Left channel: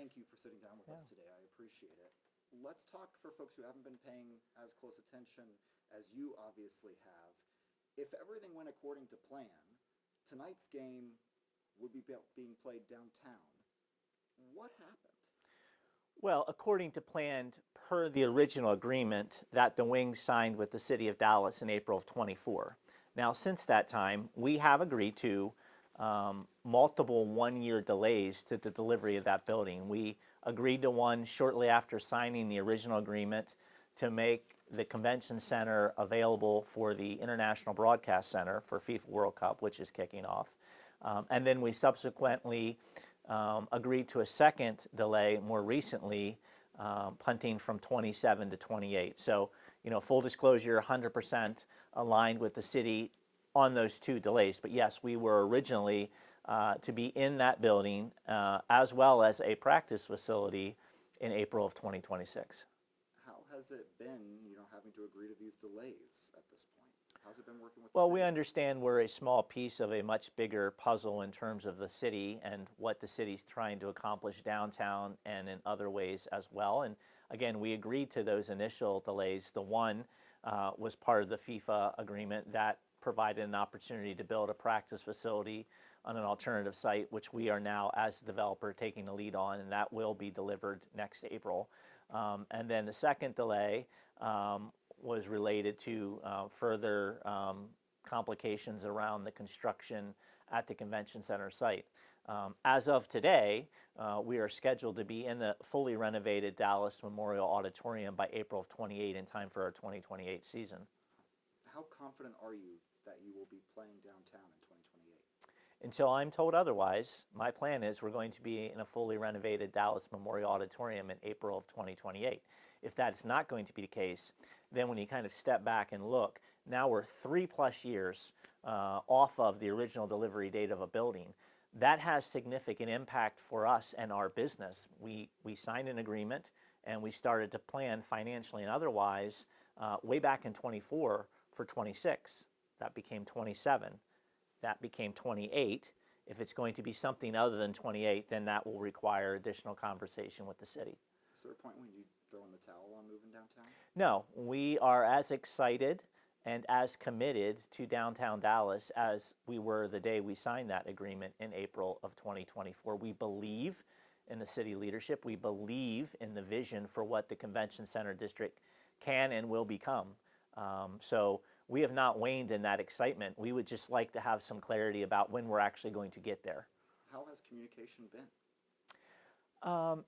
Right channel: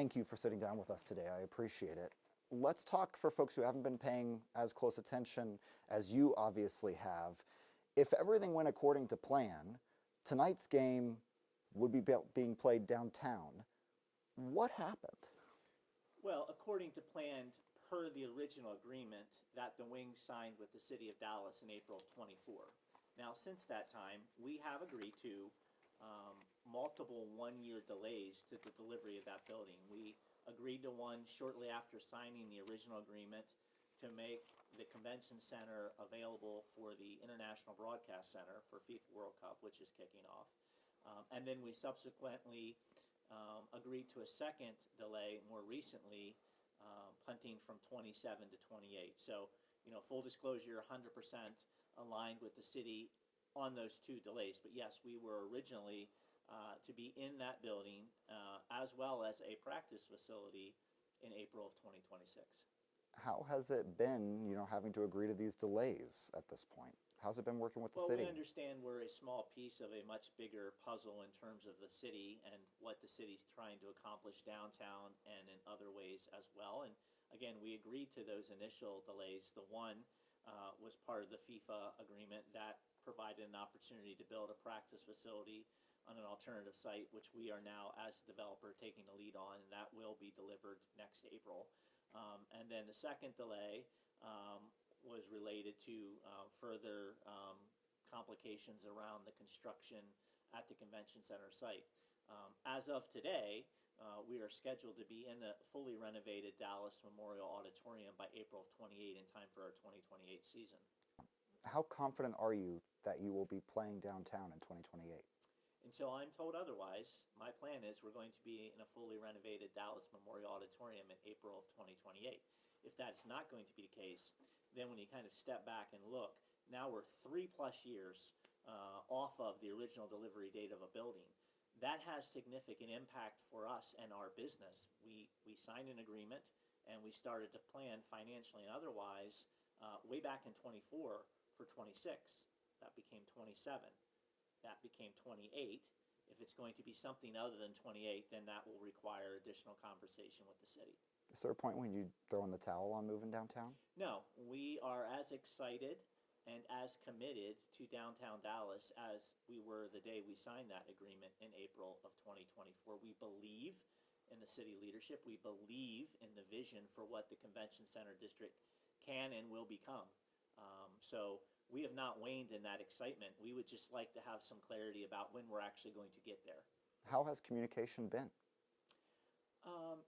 thank you for sitting down with us today. I appreciate it. Let's talk for folks who haven't been paying as close attention as you obviously have. If everything went according to plan, tonight's game would be being played downtown. What happened? Well, according to plan, per the original agreement that the Wings signed with the City of Dallas in April of 24. Now, since that time, we have agreed to multiple one-year delays to the delivery of that building. We agreed to one shortly after signing the original agreement to make the convention center available for the International Broadcast Center for FIFA World Cup, which is kicking off. And then we subsequently agreed to a second delay more recently, punting from 27 to 28. So, full disclosure, 100% aligned with the city on those two delays. But yes, we were originally to be in that building as well as a practice facility in April of 2026. How has it been, having to agree to these delays at this point? How's it been working with the Well, city? we understand we're a small piece of a much bigger puzzle in terms of the city and what the city's trying to accomplish downtown and in other ways as well. And again, we agreed to those initial delays. The one was part of the FIFA agreement that provided an opportunity to build a practice facility on an alternative site, which we are now, as a developer, taking the lead on, and that will be delivered next April. And then the second delay was related to further complications around the construction at the convention center site. As of today, we are scheduled to be in the fully renovated Dallas Memorial Auditorium by April of 28 in time for our 2028 season. How confident are you that you will be playing downtown in 2028? Until I'm told otherwise, my plan is we're going to be in a fully renovated Dallas Memorial Auditorium in April of 2028. If that's not going to be the case, then when you kind of step back and look, now we're 3+ years off of the original delivery date of a building. That has significant impact for us and our business. We signed an agreement and we started to plan financially and otherwise way back in 24 for 26. That became 27. That became 28. If it's going to be something other than 28, then that will require additional conversation with the city. Is there a point when you throw in the towel on moving downtown? No, we are as excited and as committed to downtown Dallas as we were the day we signed that agreement in April of 2024. We believe in the city leadership. We believe in the vision for what the convention center district can and will become. So we have not waned in that excitement. We would just like to have some clarity about when we're actually going to get there. How has communication been?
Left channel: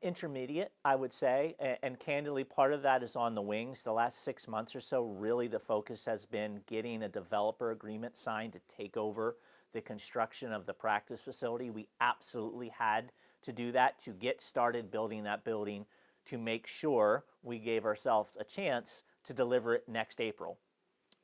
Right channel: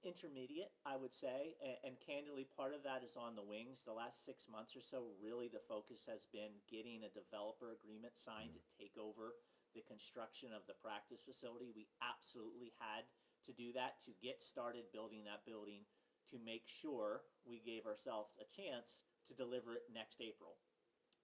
Intermediate, I would say, and candidly, part of that is on the Wings. The last 6 months or so, really the focus has been getting a developer agreement signed to take over the construction of the practice facility. We absolutely had to do that to get started building that building to make sure we gave ourselves a chance to deliver it next April.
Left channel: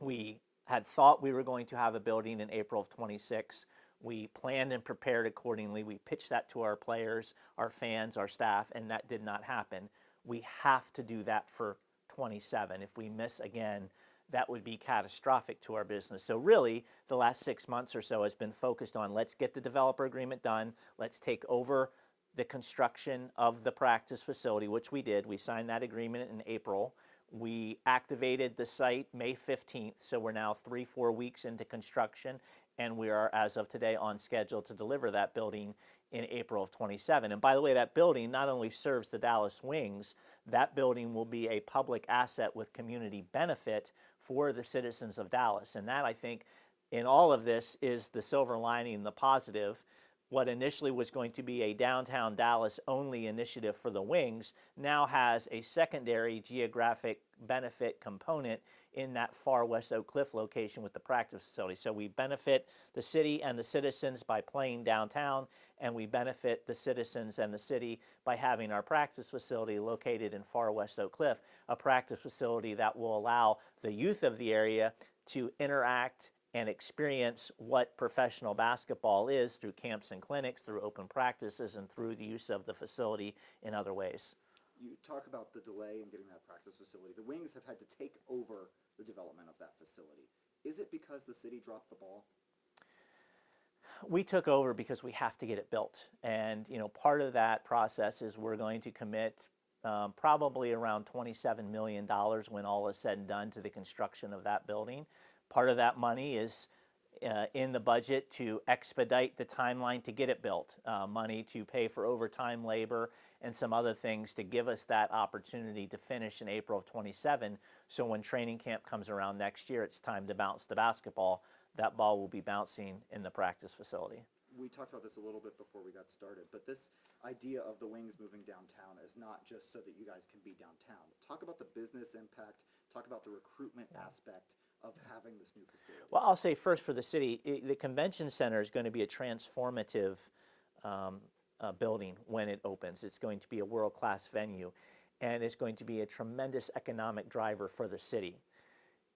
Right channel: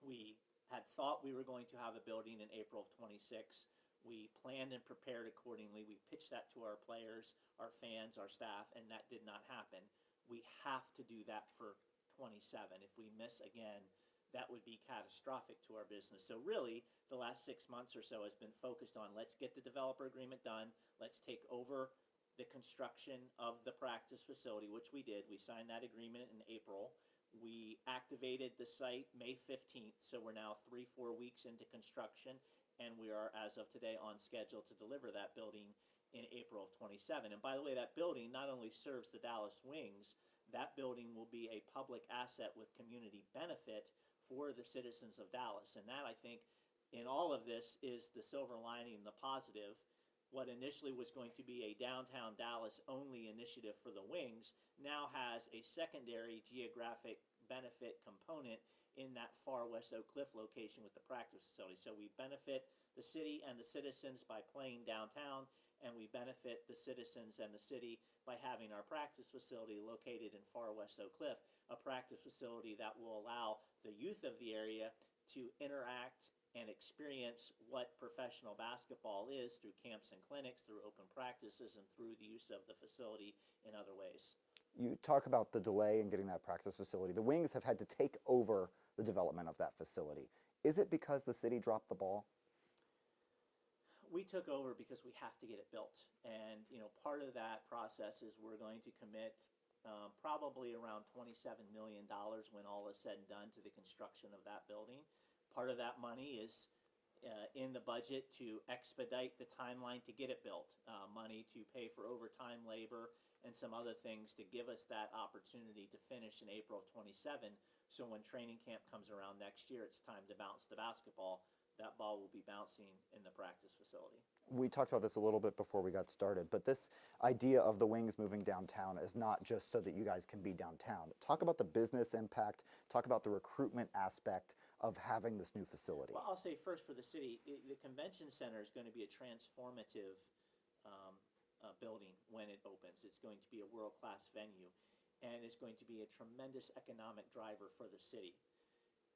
We had thought we were going to have a building in April of 26. We planned and prepared accordingly. We pitched that to our players, our fans, our staff, and that did not happen. We have to do that for 27. If we miss again, that would be catastrophic to our business. So really, the last 6 months or so has been focused on let's get the developer agreement done. Let's take over the construction of the practice facility, which we did. We signed that agreement in April. We activated the site May 15th, so we're now 3-4 weeks into construction, and we are, as of today, on schedule to deliver that building in April of 27. And by the way, that building not only serves the Dallas Wings, that building will be a public asset with community benefit for the citizens of Dallas. And that, I think, in all of this is the silver lining, the positive. What initially was going to be a downtown Dallas only initiative for the Wings now has a secondary geographic benefit component in that far west Oak Cliff location with the practice facility. So we benefit the city and the citizens by playing downtown, and we benefit the citizens and the city by having our practice facility located in far west Oak Cliff, a practice facility that will allow the youth of the area to interact and experience what professional basketball is through camps and clinics, through open practices, and through the use of the facility in other ways. You talk about the delay in getting that practice facility. The Wings have had to take over the development of that facility. Is it because the city dropped the ball? We took over because we have to get it built. And, part of that process is we're going to commit probably around $27 million when all is said and done to the construction of that building. Part of that money is in the budget to expedite the timeline to get it built, money to pay for overtime labor and some other things to give us that opportunity to finish in April of 27. So when training camp comes around next year, it's time to bounce the basketball. That ball will be bouncing in the practice facility. We talked about this a little bit before we got started, but this idea of the Wings moving downtown is not just so that you guys can be downtown. Talk about the business impact, talk about the recruitment aspect of having this new facility. Well, I'll say first for the city, the convention center is going to be a transformative building when it opens. It's going to be a world-class venue, and it's going to be a tremendous economic driver for the city.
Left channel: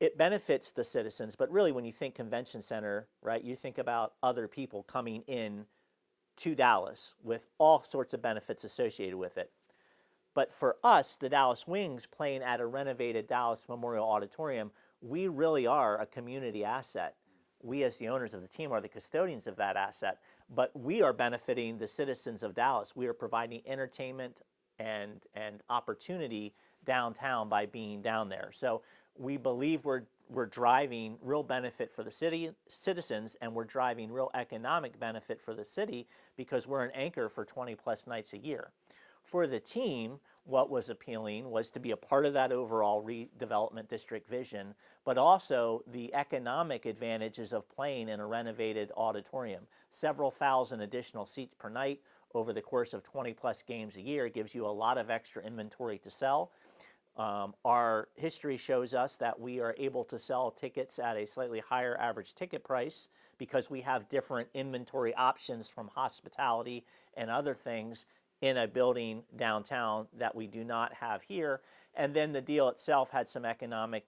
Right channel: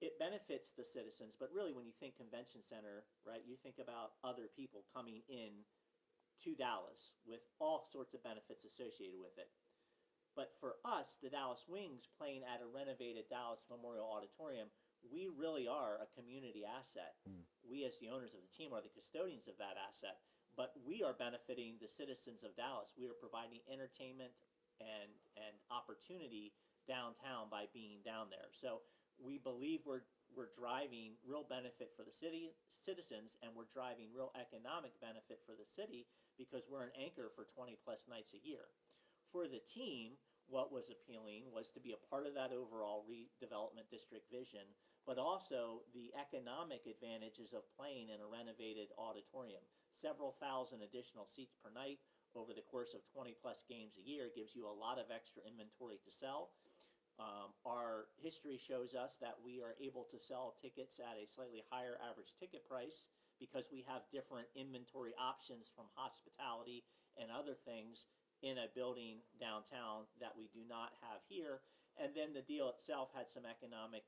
It benefits the citizens, but really when you think convention center, right, you think about other people coming in to Dallas with all sorts of benefits associated with it. But for us, the Dallas Wings, playing at a renovated Dallas Memorial Auditorium, we really are a community asset. We as the owners of the team are the custodians of that asset, but we are benefiting the citizens of Dallas. We are providing entertainment and opportunity downtown by being down there. So we believe we're driving real benefit for the city citizens, and we're driving real economic benefit for the city because we're an anchor for 20 plus nights a year. For the team, what was appealing was to be a part of that overall redevelopment district vision, but also the economic advantages of playing in a renovated auditorium. Several thousand additional seats per night over the course of 20 plus games a year gives you a lot of extra inventory to sell. Our history shows us that we are able to sell tickets at a slightly higher average ticket price because we have different inventory options from hospitality and other things in a building downtown that we do not have here. And then the deal itself had some economic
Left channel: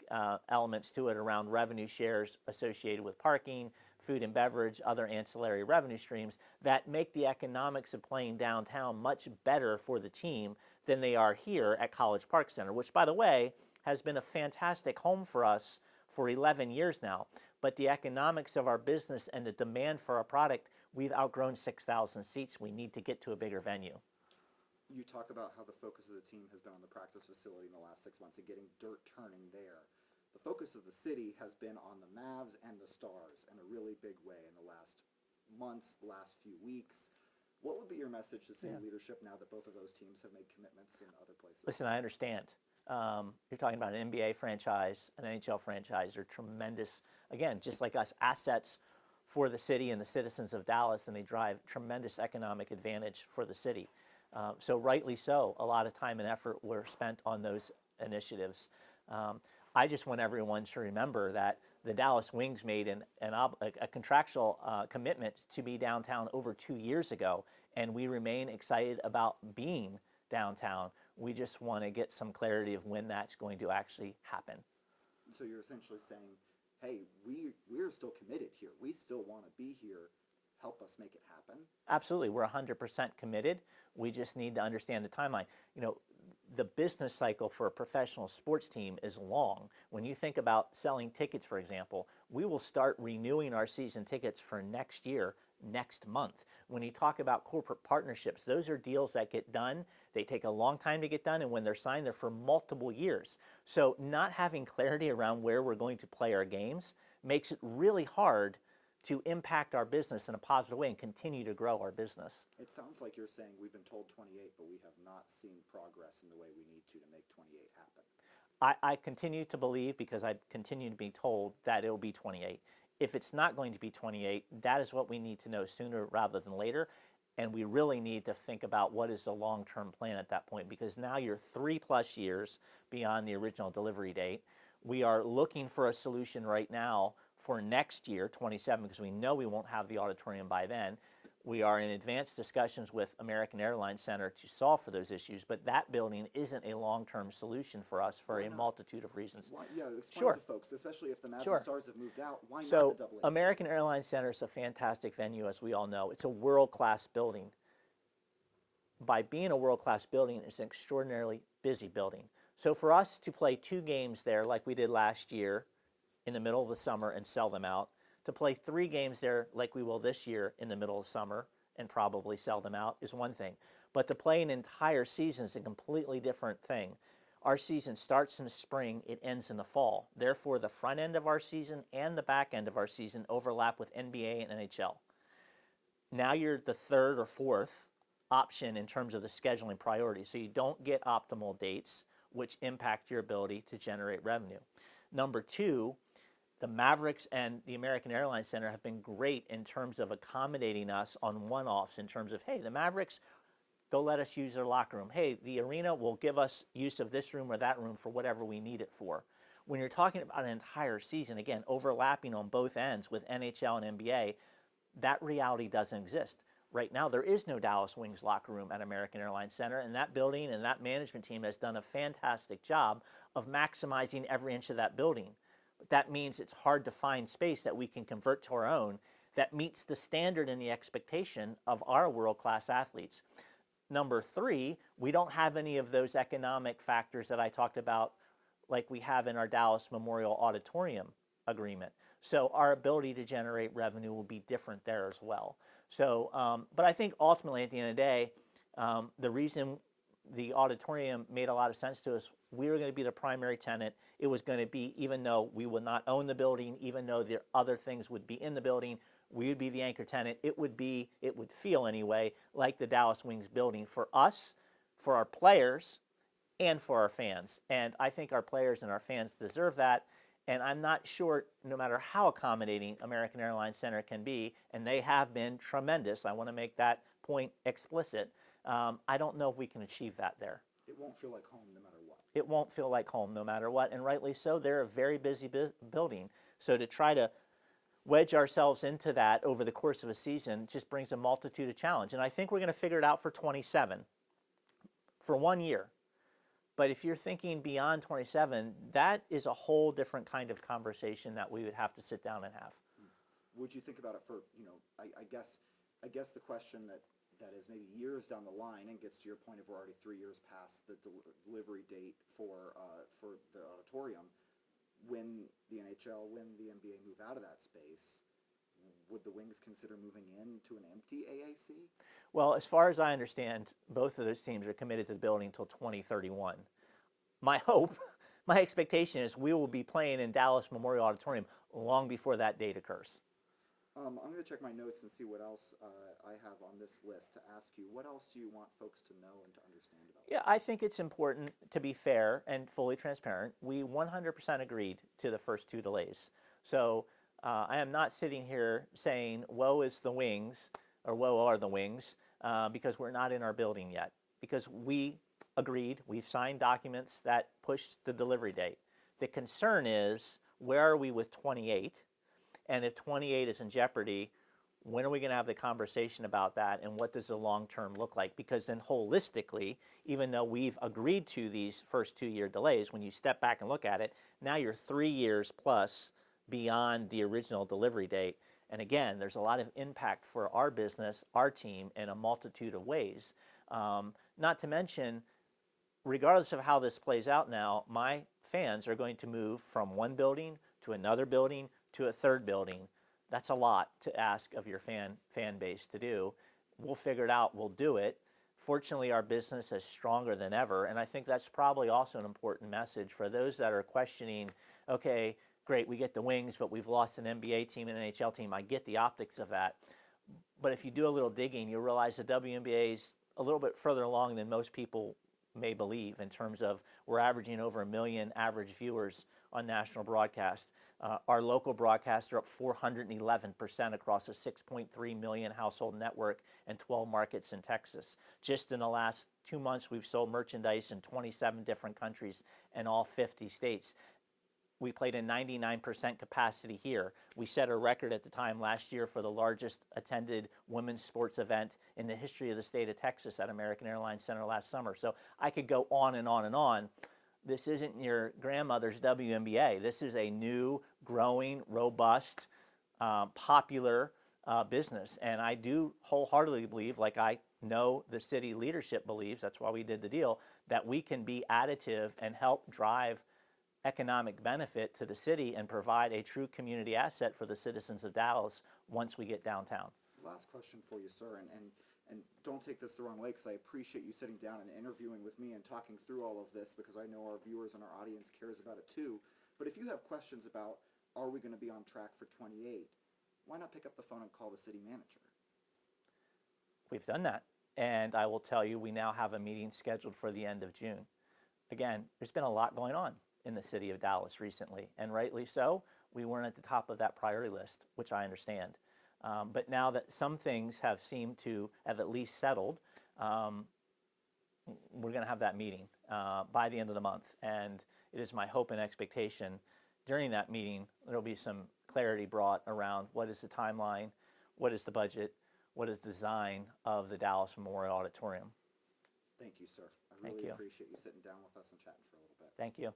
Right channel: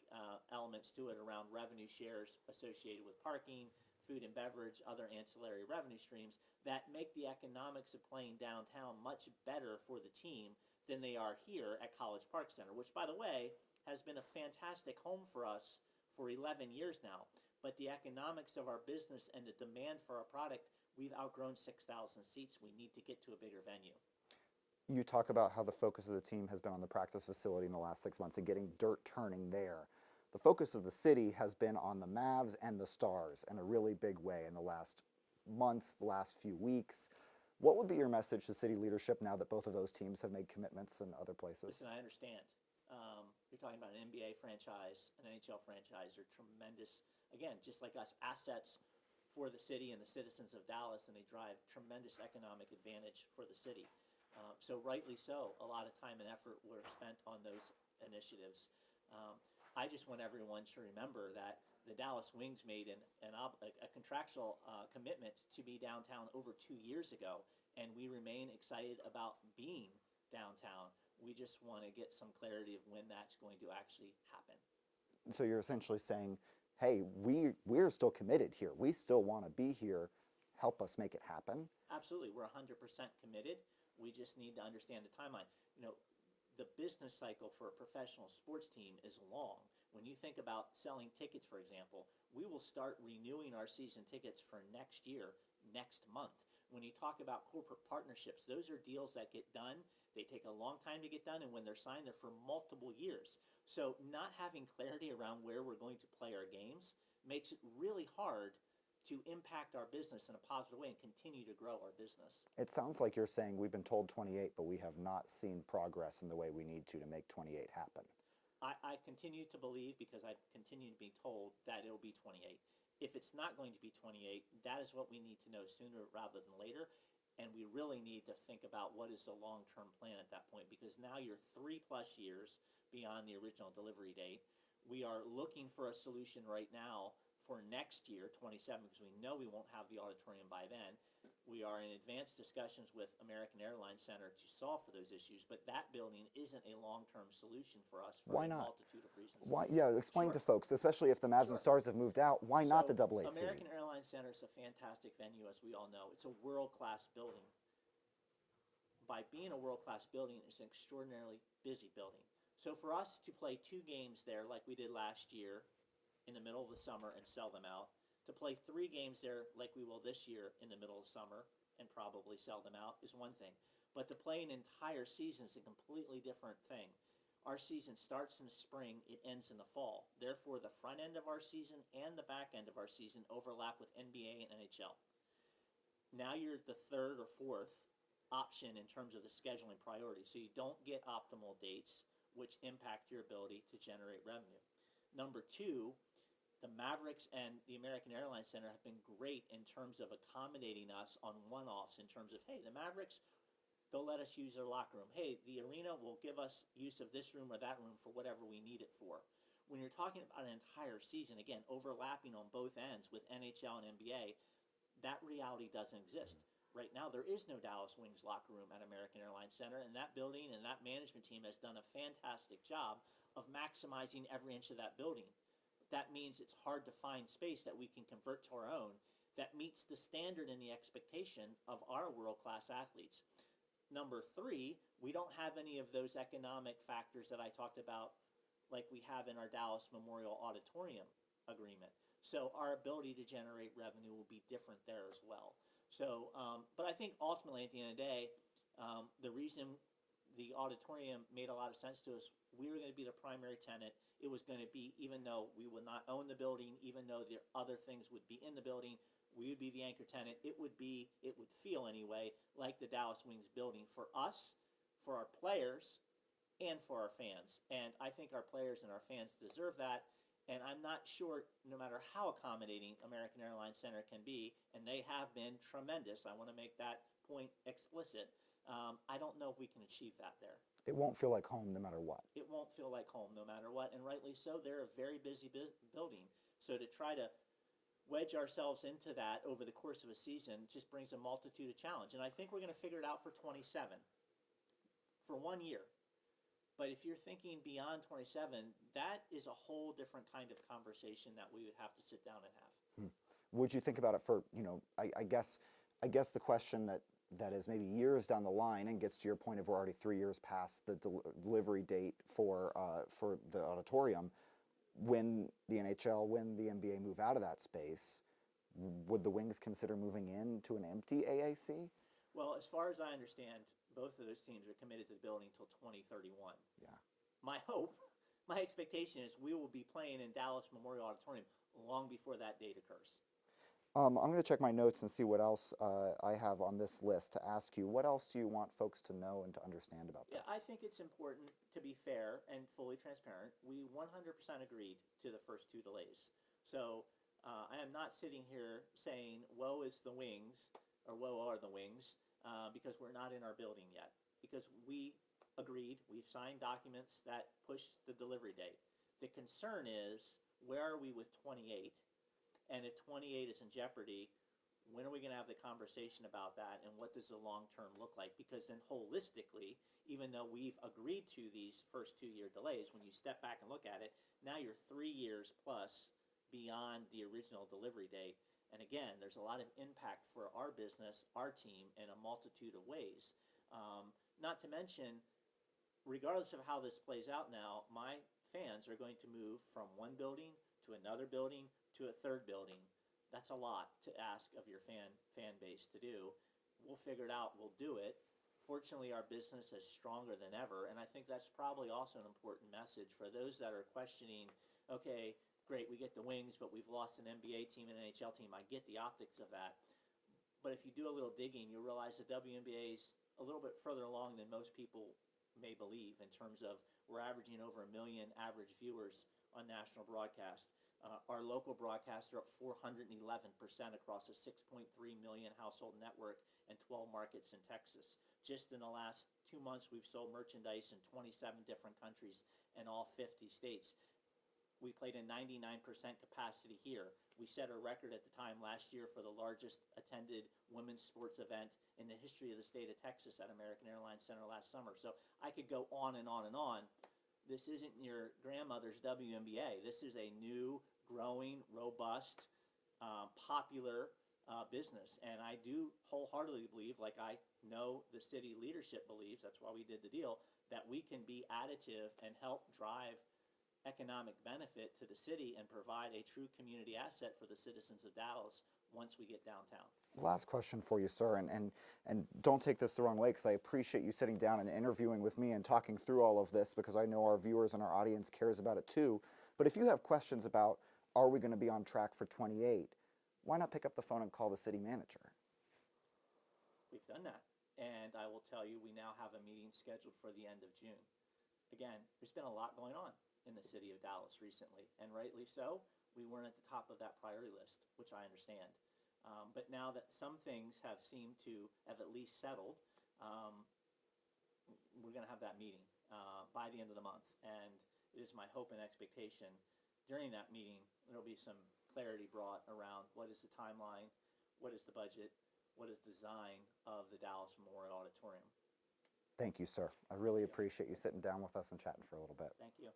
elements to it around revenue shares associated with parking, food and beverage, other ancillary revenue streams that make the economics of playing downtown much better for the team than they are here at College Park Center, which, by the way, has been a fantastic home for us for 11 years now. But the economics of our business and the demand for our product, we've outgrown 6,000 seats. We need to get to a bigger venue. You talk about how the focus of the team has been on the practice facility in the last 6 months and getting dirt turning there. The focus of the city has been on the Mavs and the Stars in a really big way in the last months, the last few weeks. What would be your message to city leadership now that both of those teams have made commitments in other places? Listen, I understand. You're talking about an NBA franchise, an NHL franchise. They're tremendous, again, just like us, assets for the city and the citizens of Dallas, and they drive tremendous economic advantage for the city. So rightly so, a lot of time and effort were spent on those initiatives. I just want everyone to remember that the Dallas Wings made a contractual commitment to be downtown over 2 years ago, and we remain excited about being downtown. We just want to get some clarity of when that's going to actually happen. So you're essentially saying, hey, we're still committed here. We still want to be here. Help us make it happen. Absolutely. We're 100% committed. We just need to understand the timeline. The business cycle for a professional sports team is long. When you think about selling tickets, for example, we will start renewing our season tickets for next year, next month. When you talk about corporate partnerships, those are deals that get done. They take a long time to get done, and when they're signed, they're for multiple years. So not having clarity around where we're going to play our games makes it really hard to impact our business in a positive way and continue to grow our business. It sounds like you're saying we've been told 28, but we have not seen progress in the way we need to make 28 happen. I continue to believe, because I continue to be told, that it will be 28. If it's not going to be 28, that is what we need to know sooner rather than later. And we really need to think about what is the long-term plan at that point, because now you're 3+ years beyond the original delivery date. We are looking for a solution right now for next year, 27, because we know we won't have the auditorium by then. We are in advanced discussions with American Airlines Center to solve for those issues, but that building isn't a long-term solution for us for a multitude of reasons. Why? Yeah, explain to folks, especially if the Mavs and Stars have moved out, why not the AAC? American Airlines Center is a fantastic venue, as we all know. It's a world-class building. By being a world-class building, it's an extraordinarily busy building. So for us to play 2 games there like we did last year in the middle of the summer and sell them out, To play 3 games there like we will this year in the middle of summer and probably sell them out is one thing. But to play an entire season is a completely different thing. Our season starts in the spring, it ends in the fall. Therefore, the front end of our season and the back end of our season overlap with NBA and NHL. Now you're the third or fourth option in terms of the scheduling priority. So you don't get optimal dates, which impact your ability to generate revenue. Number 2, the Mavericks and the American Airlines Center have been great in terms of accommodating us on one-offs in terms of, hey, the Mavericks, they'll let us use their locker room. Hey, the arena will give us use of this room or that room for whatever we need it for. When you're talking about an entire season, again, overlapping on both ends with NHL and NBA, that reality doesn't exist. Right now, there is no Dallas Wings locker room at American Airlines Center, and that building and that management team has done a fantastic job of maximizing every inch of that building. But that means it's hard to find space that we can convert to our own that meets the standard and the expectation of our world-class athletes. Number 3, we don't have any of those economic factors that I talked about like we have in our Dallas Memorial Auditorium agreement. So our ability to generate revenue will be different there as well. So, but I think ultimately at the end of the day, the reason the auditorium made a lot of sense to us, we were going to be the primary tenant. It was going to be, even though we would not own the building, even though the other things would be in the building, we would be the anchor tenant. It would feel anyway, like the Dallas Wings building for us, for our players, and for our fans. And I think our players and our fans deserve that. And I'm not sure, no matter how accommodating American Airlines Center can be, and they have been tremendous, I want to make that point explicit, I don't know if we can achieve that there. It won't feel like home no matter what. It won't feel like home no matter what, and rightly so. They're a very busy building. So to try to wedge ourselves into that over the course of a season just brings a multitude of challenge. And I think we're going to figure it out for 27, for 1 year. But if you're thinking beyond 27, that is a whole different kind of conversation that we would have to sit down and have. Would you think about it for, I guess the question that is maybe years down the line and gets to your point of we're already 3 years past the delivery date for the auditorium. When the NHL, when the NBA move out of that space, would the Wings consider moving into an empty AAC? Well, as far as I understand, both of those teams are committed to the building until 2031. Yeah. My hope, my expectation is we will be playing in Dallas Memorial Auditorium long before that date occurs. I'm going to check my notes and see what else I have on this list to ask you. What else do you want folks to know and to understand about this? Yeah, I think it's important to be fair and fully transparent. We 100% agreed to the first 2 delays. So I am not sitting here saying, woe is the Wings, or woe are the Wings, because we're not in our building yet. Because we agreed, we've signed documents that push the delivery date. The concern is, where are we with 28? And if 28 is in jeopardy, when are we going to have the conversation about that, and what does the long term look like? Because then holistically, even though we've agreed to these first 2-year delays, when you step back and look at it, now you're 3 years plus beyond the original delivery date. And again, there's a lot of impact for our business, our team, in a multitude of ways. Not to mention, regardless of how this plays out now, my fans are going to move from one building to another building to a third building. That's a lot to ask of your fan base to do. We'll figure it out. We'll do it. Fortunately, our business is stronger than ever, and I think that's probably also an important message for those that are questioning, okay, great, we get the Wings, but we've lost an NBA team and an NHL team. I get the optics of that. But if you do a little digging, you'll realize the WNBA is a little bit further along than most people may believe in terms of we're averaging over 1 million average viewers on national broadcast. Our local broadcasts are up 411% across a 6.3 million household network and 12 markets in Texas. Just in the last 2 months, we've sold merchandise in 27 different countries and all 50 states. We played in 99% capacity here. We set a record at the time last year for the largest attended women's sports event in the history of the state of Texas at American Airlines Center last summer. So I could go on and on and on. This isn't your grandmother's WNBA. This is a new, growing, robust, popular business. And I do wholeheartedly believe, like I know the city leadership believes, that's why we did the deal, that we can be additive and help drive economic benefit to the city and provide a true community asset for the citizens of Dallas once we get downtown. Last question for you, sir, and don't take this the wrong way, because I appreciate you sitting down and interviewing with me and talking through all of this, because I know our viewers and our audience cares about it too. But if you have questions about, are we going to be on track for 28, why not pick up the phone and call the city manager? We've done that, and I will tell you, we now have a meeting scheduled for the end of June. Again, there's been a lot going on in the city of Dallas recently, and rightly so. We weren't at the top of that priority list, which I understand. But now that some things have seemed to have at least settled, we're going to have that meeting by the end of the month. And it is my hope and expectation during that meeting, there will be some clarity brought around what is the timeline, what is the budget, what is the design of the Dallas Memorial Auditorium. Thank you, sir. I really you. appreciate you sitting down with us and chatting for a little bit. Thank you.